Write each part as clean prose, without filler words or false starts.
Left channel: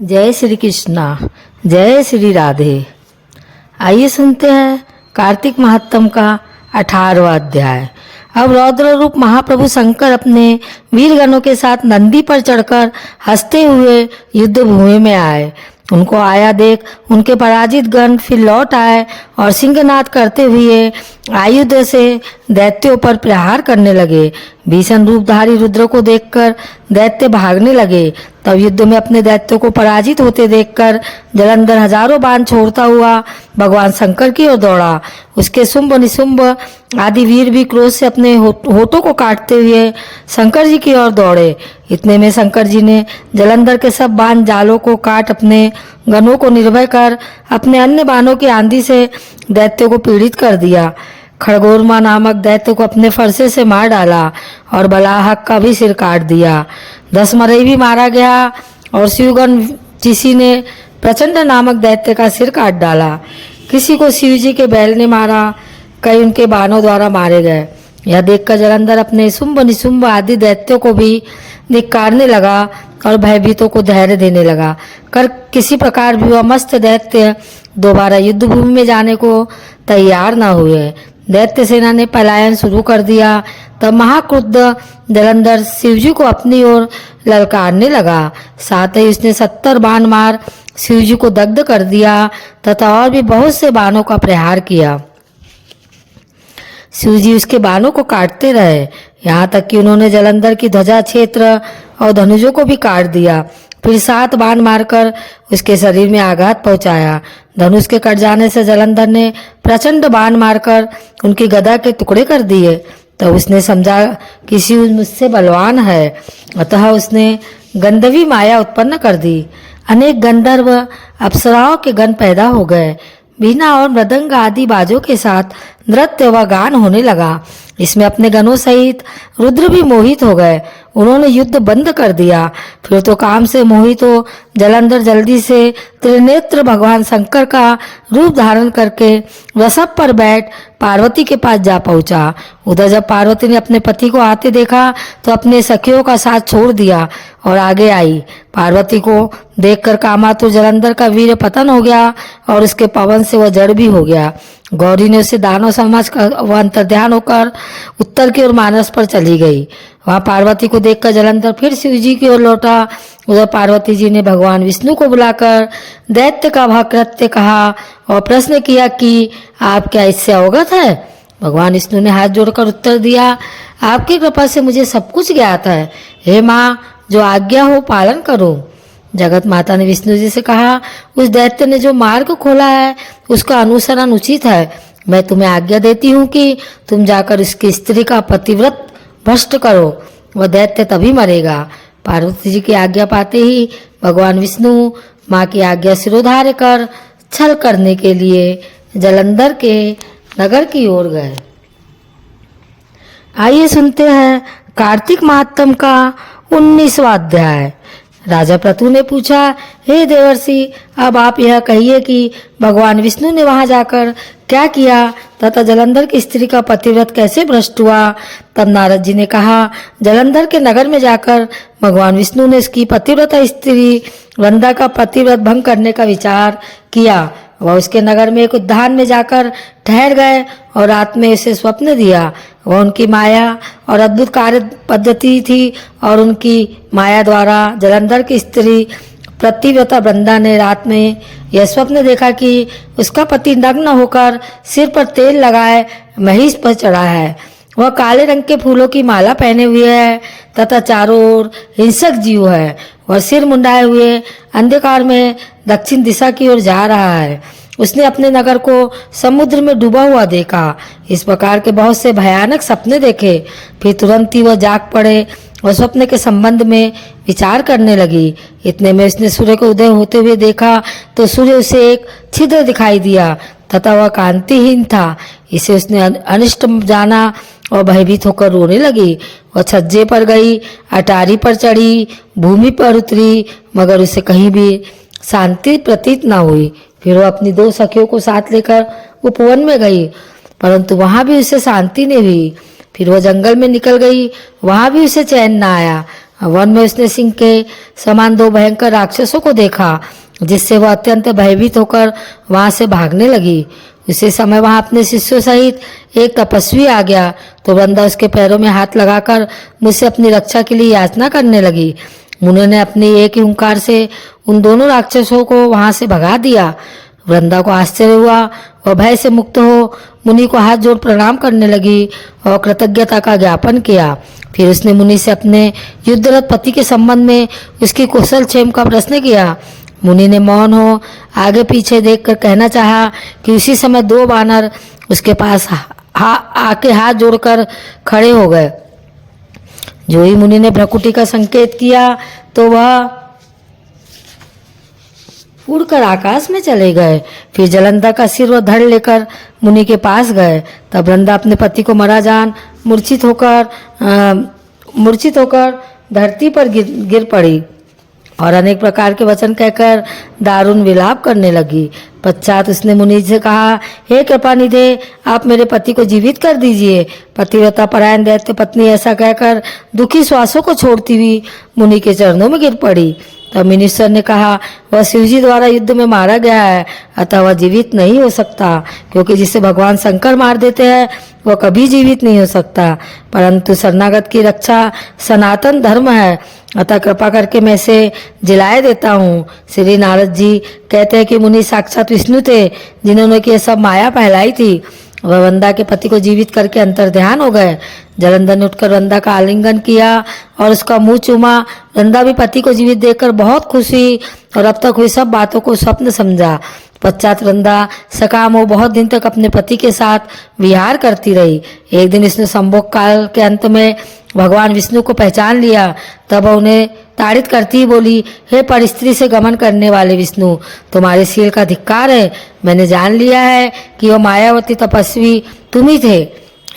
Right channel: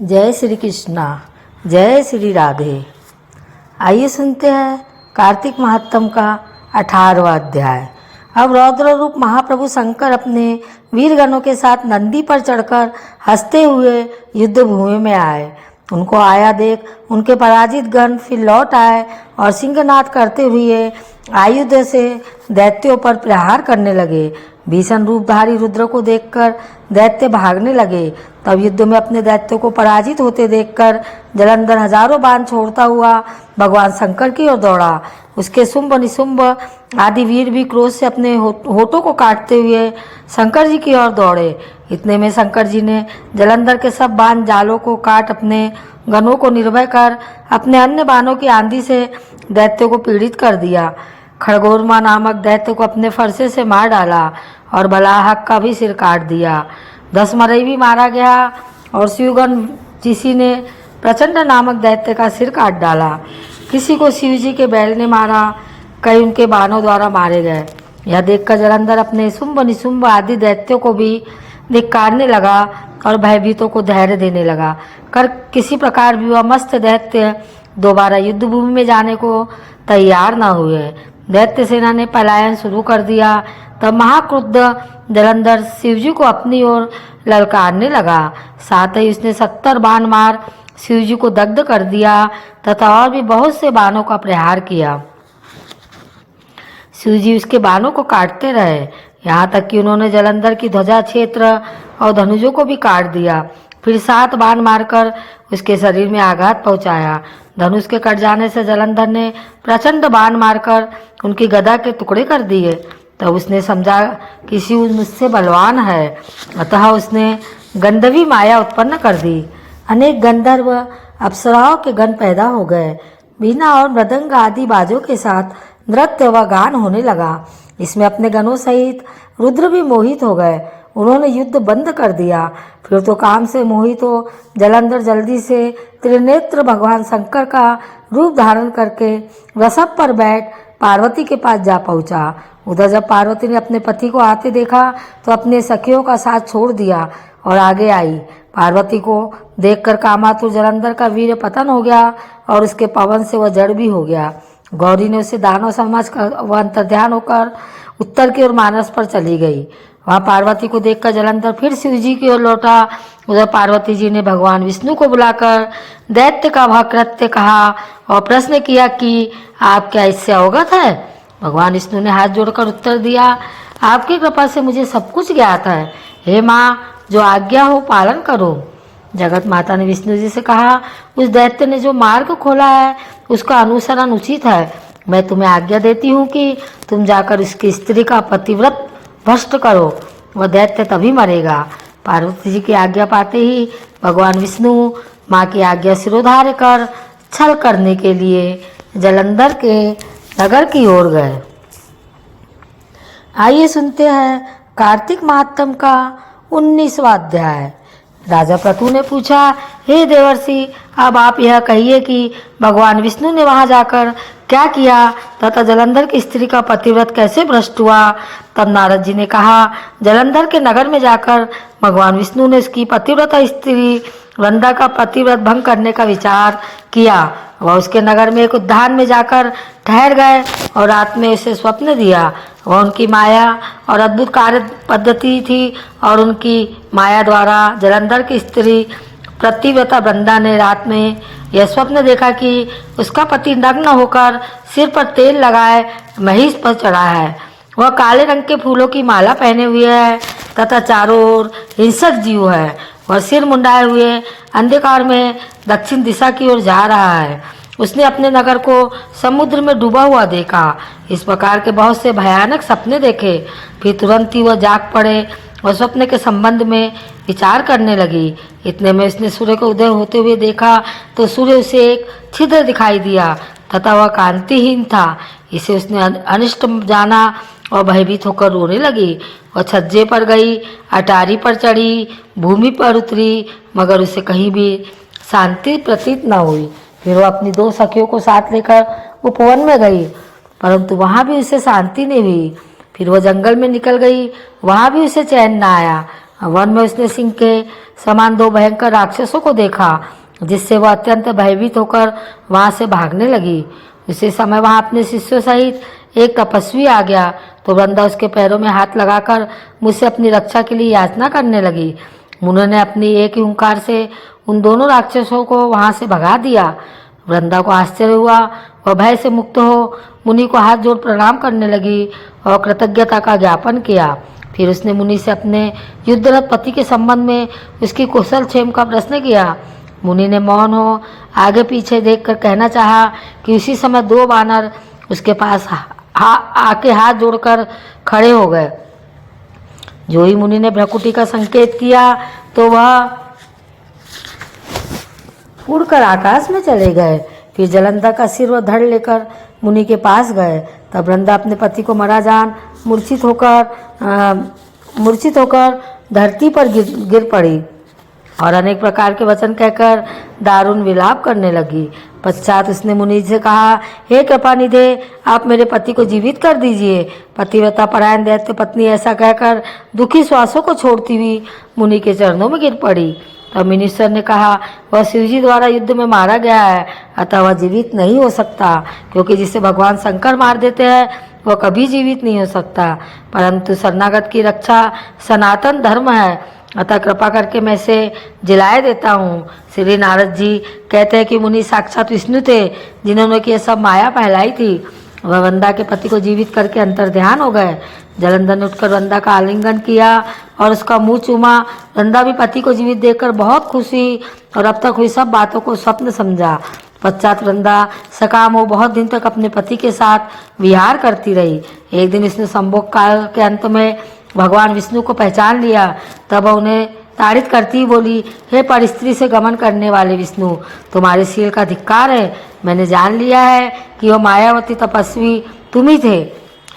जय श्री कृष्णा, जय श्री राधे। आइए सुनते हैं कार्तिक महात्म का 18वां अध्याय। अब रौद्र रूप महाप्रभु शंकर अपने वीरगणों के साथ नंदी पर चढ़कर हंसते हुए युद्ध भूमि में आए। उनको आया देख उनके पराजित गण फिर लौट आए और सिंहनाद करते हुए आयुध से दैत्यों पर प्रहार करने लगे। भीषण रूपधारी रुद्र को देखकर दैत्य भागने लगे। तब युद्ध में अपने दैत्यों को पराजित होते देखकर जलंधर हजारों बाण छोड़ता हुआ भगवान शंकर की ओर दौड़ा। उसके शुंभ निशुंभ आदि वीर भी क्रोध से अपने होठों को काटते हुए शंकर जी की ओर दौड़े। इतने में शंकर जी ने जलंधर के सब बाण जालों को काट अपने गणों को निर्भय कर अपने अन्य बाणों की आंधी से दैत्यों को पीड़ित कर दिया। खड़गोरमा नामक दैत्य को अपने फरसे से मार डाला और बलाहक का भी सिर काट दिया। 10 मरई भी मारा गया और शिवगण किसी ने प्रचंड नामक दैत्य का सिर काट डाला। किसी को शिव जी के बैल ने मारा, कई उनके बाणों द्वारा मारे गए। यह देखकर जलंधर अपने शुंभ निशुंभ आदि दैत्यों को भी धिक्कारने लगा और भयभीतों को धैर्य देने लगा। कर किसी प्रकार भी वह मस्त दैत्य दोबारा युद्ध भूमि में जाने को तैयार न हुए। दैत्य सेना ने पलायन शुरू कर दिया। तब महाक्रुद्ध जलंधर शिवजी को अपनी ओर ललकारने लगा। साथ ही उसने 70 बाण मार शिवजी को दग्ध कर दिया तथा और भी बहुत से बाणों का प्रहार किया। शिवजी उसके बाणों को काटते रहे, यहाँ तक कि उन्होंने जलंधर की ध्वजा क्षेत्र और धनुजों को भी काट दिया। फिर 7 बाण मारकर उसके शरीर में आघात पहुंचाया। धनुष के कट जाने से जलंधर ने प्रचंड बाण मारकर उनकी गदा के टुकड़े कर दिए। तब उसने समझा कि शिव मुझसे बलवान है, अतः उसने गंधर्वी माया उत्पन्न कर दी। अनेक गंधर्व अप्सराओं के गण पैदा हो गए। बीना और मृदंग आदि बाजों के साथ नृत्य व गान होने लगा। इसमें अपने गणों सहित रुद्र भी मोहित हो गए। उन्होंने युद्ध बंद कर दिया। फिर तो काम से मोहित हो जलंधर जल्दी से त्रिनेत्र भगवान शंकर का रूप धारण करके वृषभ पर बैठ पार्वती के पास जा पहुंचा। उधर जब पार्वती ने अपने पति को आते देखा तो अपने सखियों का साथ छोड़ दिया और आगे आई। पार्वती को देखकर कामातुर जलंधर का वीर पतन हो गया और उसके पवन से वह जड़ भी हो गया। गौरी ने उसे दानव समझ कर वह अंतर्ध्यान होकर उत्तर की ओर मानस पर चली गई। वहां पार्वती को देखकर जलंधर फिर शिव जी की ओर लौटा। उधर पार्वती जी ने भगवान विष्णु को बुलाकर दैत्य का वह कृत्य कहा और प्रश्न किया कि आप क्या इससे अवगत है। भगवान विष्णु ने हाथ जोड़कर उत्तर दिया, आपकी कृपा से मुझे सब कुछ ज्ञात है। हे माँ, जो आज्ञा हो पालन करो। जगत माता ने विष्णु जी से कहा, उस दैत्य ने जो मार्ग खोला है उसका अनुसरण उचित है। मैं तुम्हें आज्ञा देती हूँ कि तुम जाकर उसकी स्त्री का पतिव्रत भ्रष्ट करो, वह दैत्य तभी मरेगा। पार्वती जी की आज्ञा पाते ही भगवान विष्णु माँ की आज्ञा सिरोधार्य कर छल करने के लिए जलंधर के नगर की ओर गए। आइए सुनते हैं कार्तिक महात्म का 19वां अध्याय। राजा प्रतु ने पूछा, हे देवर्षि, अब आप यह कहिए कि भगवान विष्णु ने वहां जाकर क्या किया तथा जलंधर की स्त्री का पतिव्रत कैसे भ्रष्ट हुआ। तब नारद जी ने कहा, जलंधर के नगर में जाकर भगवान विष्णु ने इसकी पतिव्रता स्त्री वृंदा का पतिव्रत भंग करने का विचार किया। वह उसके नगर में एक उद्यान में जाकर ठहर गए और रात में इसे स्वप्न दिया। वह उनकी माया और अद्भुत कार्य पद्धति थी और उनकी माया द्वारा जलंधर की स्त्री पतिव्रता वृंदा ने रात में यह स्वप्न देखा कि उसका पति नग्न होकर सिर पर तेल लगाए महिष पर चढ़ा है। वह काले रंग के फूलों की माला पहने हुए है तथा चारों ओर हिंसक जीव है। वह सिर मुंडाए हुए अंधकार में दक्षिण दिशा की ओर जा रहा है। उसने अपने नगर को समुद्र में डूबा हुआ देखा। इस प्रकार के बहुत से भयानक सपने देखे। फिर तुरंत ही वह जाग पड़े और स्वप्न के संबंध में विचार करने लगी। इतने में उसने सूर्य को उदय होते हुए देखा तो सूर्य उसे एक छिद्र दिखाई दिया तथा वह कांतिहीन था। इसे उसने अनिष्ट जाना और भयभीत होकर रोने लगी। वह छज्जे पर गई, अटारी पर चढ़ी, भूमि पर उतरी, मगर उसे कहीं भी शांति प्रतीत न हुई। फिर वह अपनी 2 सखियों को साथ लेकर उपवन में गई, परंतु वहां भी उसे शांति नहीं हुई। फिर वह जंगल में निकल गई, वहां भी उसे चैन न आया। वन में उसने सिंह के समान दो भयंकर राक्षसों को देखा, जिससे वह अत्यंत भयभीत होकर वहां से भागने लगी। उसी समय वहां अपने शिष्यों सहित एक तपस्वी आ गया, तो वृंदा उसके पैरों में हाथ लगाकर मुझसे अपनी रक्षा के लिए याचना करने लगी। मुनि ने अपनी एक ही हुंकार से उन दोनों राक्षसों को वहां से भगा दिया। वृंदा को आश्चर्य हुआ, वह भय से मुक्त हो मुनि को हाथ जोड़ प्रणाम करने लगी और कृतज्ञता का ज्ञापन किया। फिर उसने मुनि से अपने युद्धरत पति के संबंध में उसकी कुशल क्षेम का प्रश्न किया। मुनि ने मौन हो आगे पीछे देखकर कहना चाहा कि उसी समय दो वानर उसके पास आके हाथ जोड़कर खड़े हो गए। जो ही मुनि ने भ्रकुटी का संकेत किया तो वह उड़कर आकाश में चले गए। फिर जलंधर का सिर व धड़ लेकर मुनि के पास गए। तब वृंदा अपने पति को मरा जान मूर्छित होकर धरती पर गिर पड़ी और अनेक प्रकार के वचन कहकर दारुण विलाप करने लगी। पश्चात उसने मुनि से कहा, हे कृपानिधे, आप मेरे पति को जीवित कर दीजिए। पतिव्रता परायण दैत्य पत्नी ऐसा कहकर दुखी श्वासों को छोड़ती हुई मुनि के चरणों में गिर पड़ी। तब मुनीश्वर ने कहा, वह शिवजी द्वारा युद्ध में मारा गया है, अतः वह जीवित नहीं हो सकता, क्योंकि जिसे भगवान शंकर मार देते हैं वह कभी जीवित नहीं हो सकता। परंतु शरणागत की रक्षा सनातन धर्म है, अतः कृपा करके मैं इसे जिलाए देता हूँ। श्री नारद जी कहते हैं कि मुनि साक्षात विष्णु थे, जिन्होंने कि यह सब माया फैलाई थी। वह वृंदा के पति को जीवित करके अंतर्ध्यान हो गए। जलंधर ने उठकर वृंदा का आलिंगन किया और उसका मुंह चूमा। वृंदा भी पति को जीवित देखकर बहुत खुश हुई और अब तक हुई सब बातों को स्वप्न समझा। पश्चात वृंदा सकाम हो बहुत दिन तक अपने पति के साथ विहार करती रही। एक दिन इसने संभोग काल के अंत में भगवान विष्णु को पहचान लिया। तब उन्हें ताड़ित करती ही बोली, हे पर स्त्री से गमन करने वाले विष्णु, तुम्हारे शील का धिक्कार है। मैंने जान लिया है कि वह मायावती तपस्वी तुम ही थे।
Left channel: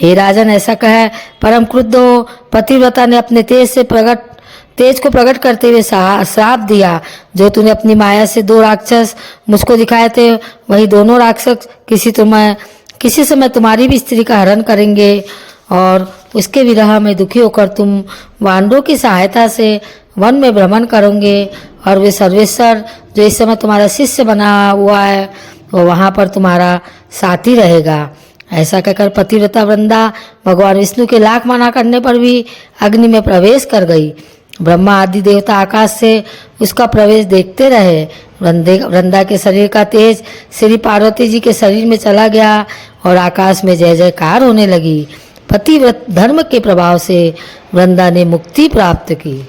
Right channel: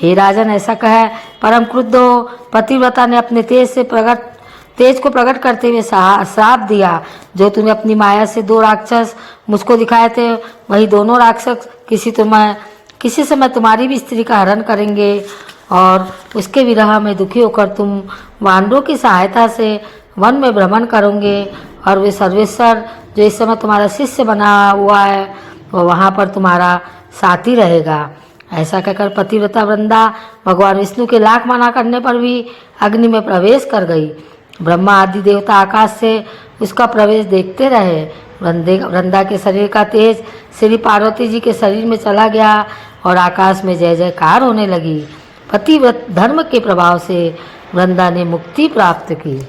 हे राजन, ऐसा कहे परम क्रुद्ध हो पतिव्रता ने अपने तेज को प्रकट करते हुए श्राप दिया। जो तूने अपनी माया से दो राक्षस मुझको दिखाए थे, वही दोनों राक्षस किसी समय तुम्हारी भी स्त्री का हरण करेंगे और उसके विरह में दुखी होकर तुम वानरों की सहायता से वन में भ्रमण करोगे और वे सर्वेश्वर जो इस समय तुम्हारा शिष्य बना हुआ है वह वहाँ पर तुम्हारा साथी रहेगा। ऐसा कहकर पतिव्रता वृंदा भगवान विष्णु के लाख मना करने पर भी अग्नि में प्रवेश कर गई। ब्रह्मा आदि देवता आकाश से उसका प्रवेश देखते रहे। वृंदा के शरीर का तेज श्री पार्वती जी के शरीर में चला गया और आकाश में जय जयकार होने लगी। पतिव्रत धर्म के प्रभाव से वृंदा ने मुक्ति प्राप्त की।